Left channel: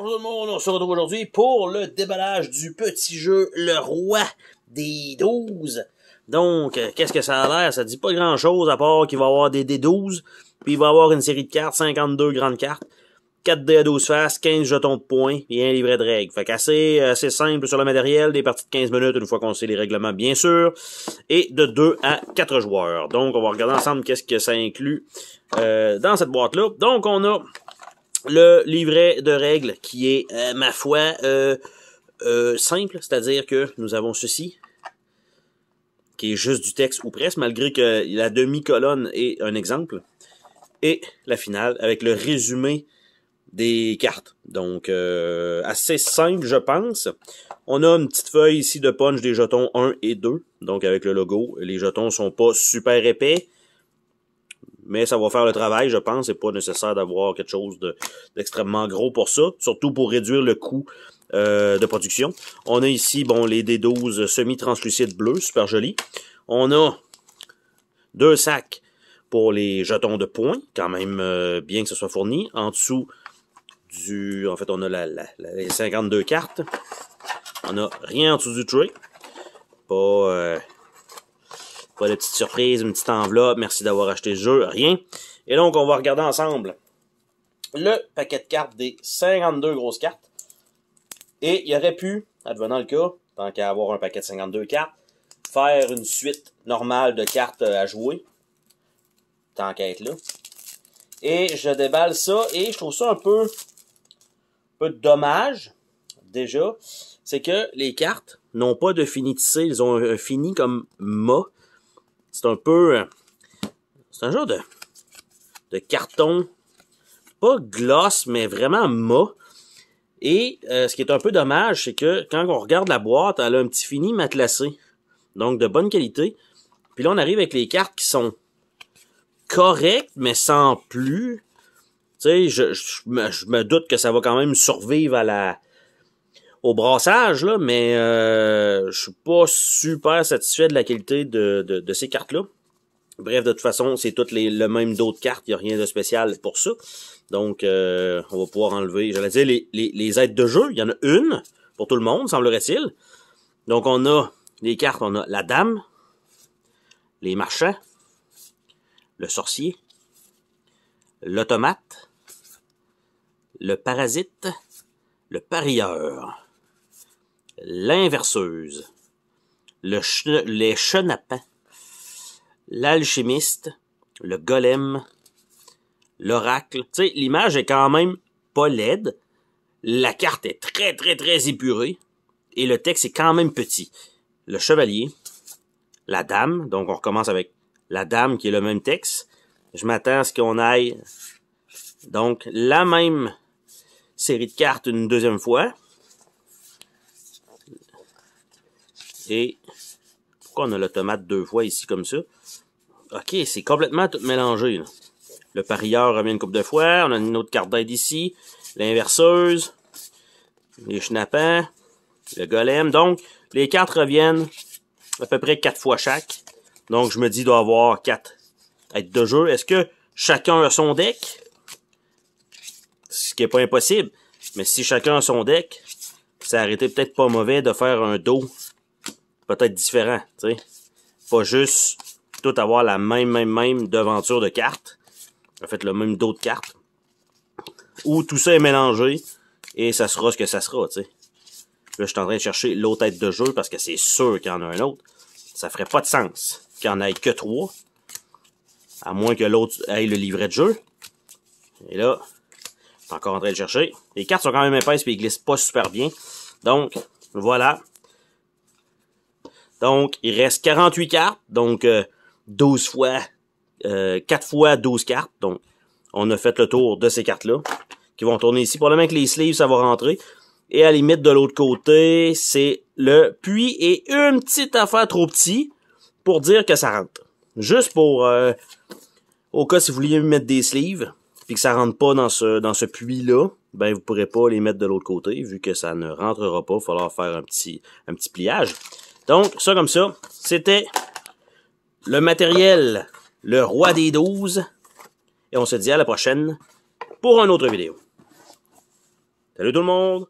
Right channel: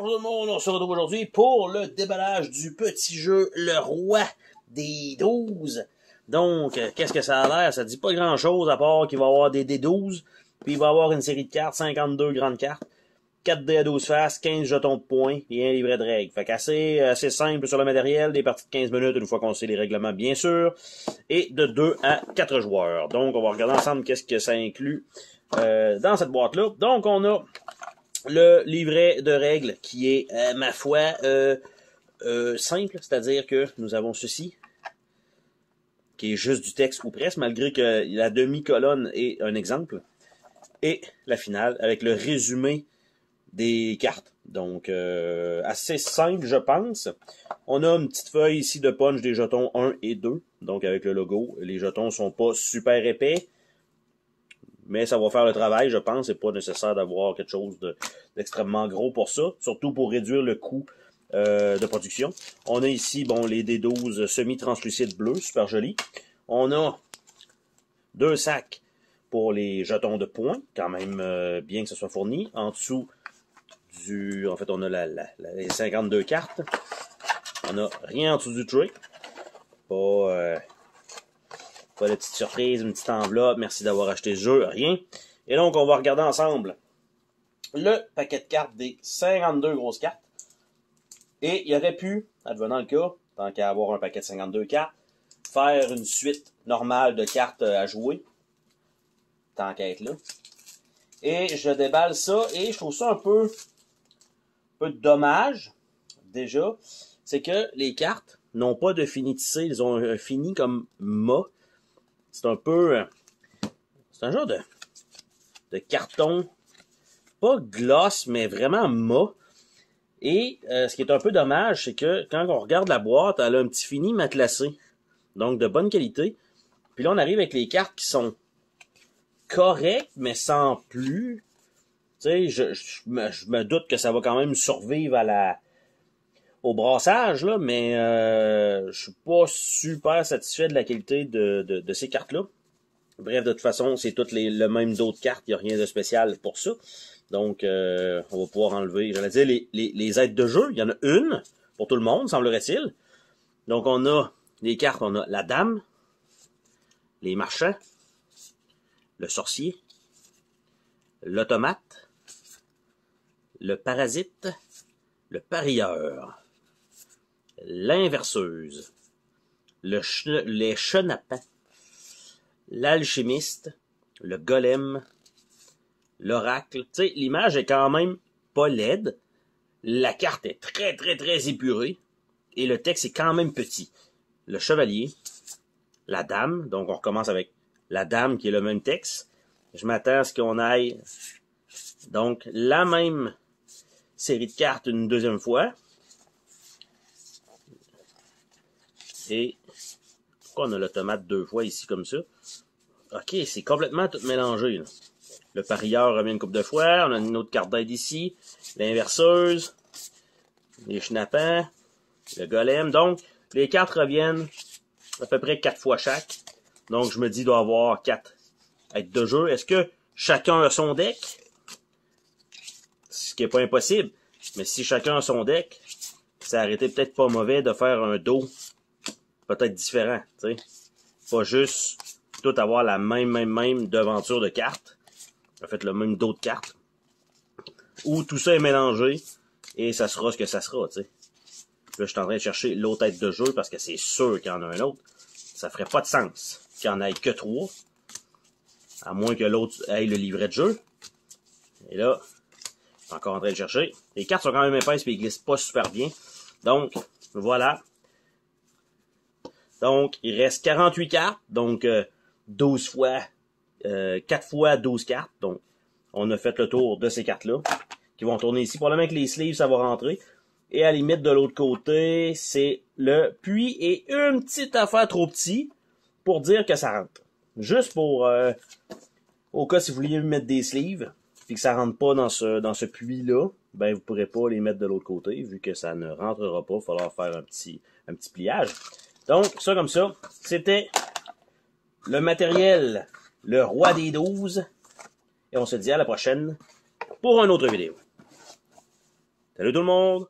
Bonjour tout le monde, on se retrouve aujourd'hui pour le déballage du petit jeu Le Roi des 12. Donc, qu'est-ce que ça a l'air? Ça dit pas grand-chose à part qu'il va y avoir des D12, puis il va y avoir une série de cartes, 52 grandes cartes, 4 dés à 12 faces, 15 jetons de points, et un livret de règles. Fait qu'assez simple sur le matériel, des parties de 15 minutes une fois qu'on sait les règlements bien sûr, et de 2 à 4 joueurs. Donc, on va regarder ensemble qu'est-ce que ça inclut dans cette boîte-là. Donc, on a le livret de règles qui est, ma foi, simple, c'est-à-dire que nous avons ceci, qui est juste du texte ou presque, malgré que la demi-colonne est un exemple, et la finale avec le résumé des cartes. Donc, assez simple, je pense. On a une petite feuille ici de punch des jetons 1 et 2, donc avec le logo. Les jetons sont pas super épais, mais ça va faire le travail, je pense. C'est pas nécessaire d'avoir quelque chose d'extrêmement gros pour ça, surtout pour réduire le coût de production. On a ici, bon, les D12 semi-translucides bleus, super joli. On a 2 sacs pour les jetons de points, quand même bien que ce soit fourni. En dessous en fait, on a les 52 cartes. On a rien en dessous du tray. Pas de petite surprise, une petite enveloppe, merci d'avoir acheté le jeu, rien. Et donc, on va regarder ensemble le paquet de cartes des 52 grosses cartes. Et il aurait pu, advenant le cas, tant qu'à avoir un paquet de 52 cartes, faire une suite normale de cartes à jouer, tant qu'à être là. Et je déballe ça, et je trouve ça un peu dommage, déjà, c'est que les cartes n'ont pas de fini tissé, ils ont un fini comme mât. C'est un peu... c'est un genre de carton, pas gloss, mais vraiment mât. Et ce qui est un peu dommage, c'est que quand on regarde la boîte, elle a un petit fini matelassé. Donc de bonne qualité. Puis là, on arrive avec les cartes qui sont correctes, mais sans plus. Tu sais, je me doute que ça va quand même survivre au brassage, là, mais je suis pas super satisfait de la qualité de ces cartes-là. Bref, de toute façon, c'est toutes le même dos de cartes, il n'y a rien de spécial pour ça. Donc, on va pouvoir enlever, j'allais dire, les aides de jeu. Il y en a une pour tout le monde, semblerait-il. Donc, on a les cartes, on a la dame, les marchands, le sorcier, l'automate, le parasite, le parieur, l'inverseuse, les chenapans, l'alchimiste, le golem, l'oracle. Tu sais, l'image est quand même pas laide. La carte est très, très, très épurée. Et le texte est quand même petit. Le chevalier, la dame. Donc, on recommence avec la dame qui est le même texte. Je m'attends à ce qu'on aille, donc, la même série de cartes une deuxième fois. Et pourquoi on a l'automate 2 fois ici comme ça? Ok, c'est complètement tout mélangé, là. Le parieur revient une couple de fois. On a une autre carte d'aide ici. L'inverseuse. Les chenapans. Le golem. Donc, les cartes reviennent à peu près 4 fois chaque. Donc, je me dis, il doit y avoir 4 aides de jeu. Est-ce que chacun a son deck? Ce qui n'est pas impossible. Mais si chacun a son deck, ça aurait été peut-être pas mauvais de faire un dos peut-être différent. Tu sais, pas juste tout avoir la même devanture de cartes. En fait, le même dos de cartes. Ou tout ça est mélangé. Et ça sera ce que ça sera, tu sais. Là, je suis en train de chercher l'autre tête de jeu parce que c'est sûr qu'il y en a un autre. Ça ferait pas de sens qu'il n'y en ait que 3. À moins que l'autre ait le livret de jeu. Et là, je suis encore en train de chercher. Les cartes sont quand même épaisses et ils glissent pas super bien. Donc, voilà. Donc, il reste 48 cartes. Donc, 12 fois... 4 fois 12 cartes. Donc, on a fait le tour de ces cartes-là. Qui vont tourner ici. Probablement que les sleeves, ça va rentrer. Et à la limite, de l'autre côté, c'est le puits et une petite affaire trop petit pour dire que ça rentre. Juste pour... au cas si vous vouliez mettre des sleeves, puis que ça rentre pas dans ce puits-là, ben vous pourrez pas les mettre de l'autre côté, vu que ça ne rentrera pas. Il va falloir faire un petit pliage. Donc, ça comme ça, c'était le matériel Le Roi des 12. Et on se dit à la prochaine pour une autre vidéo. Salut tout le monde!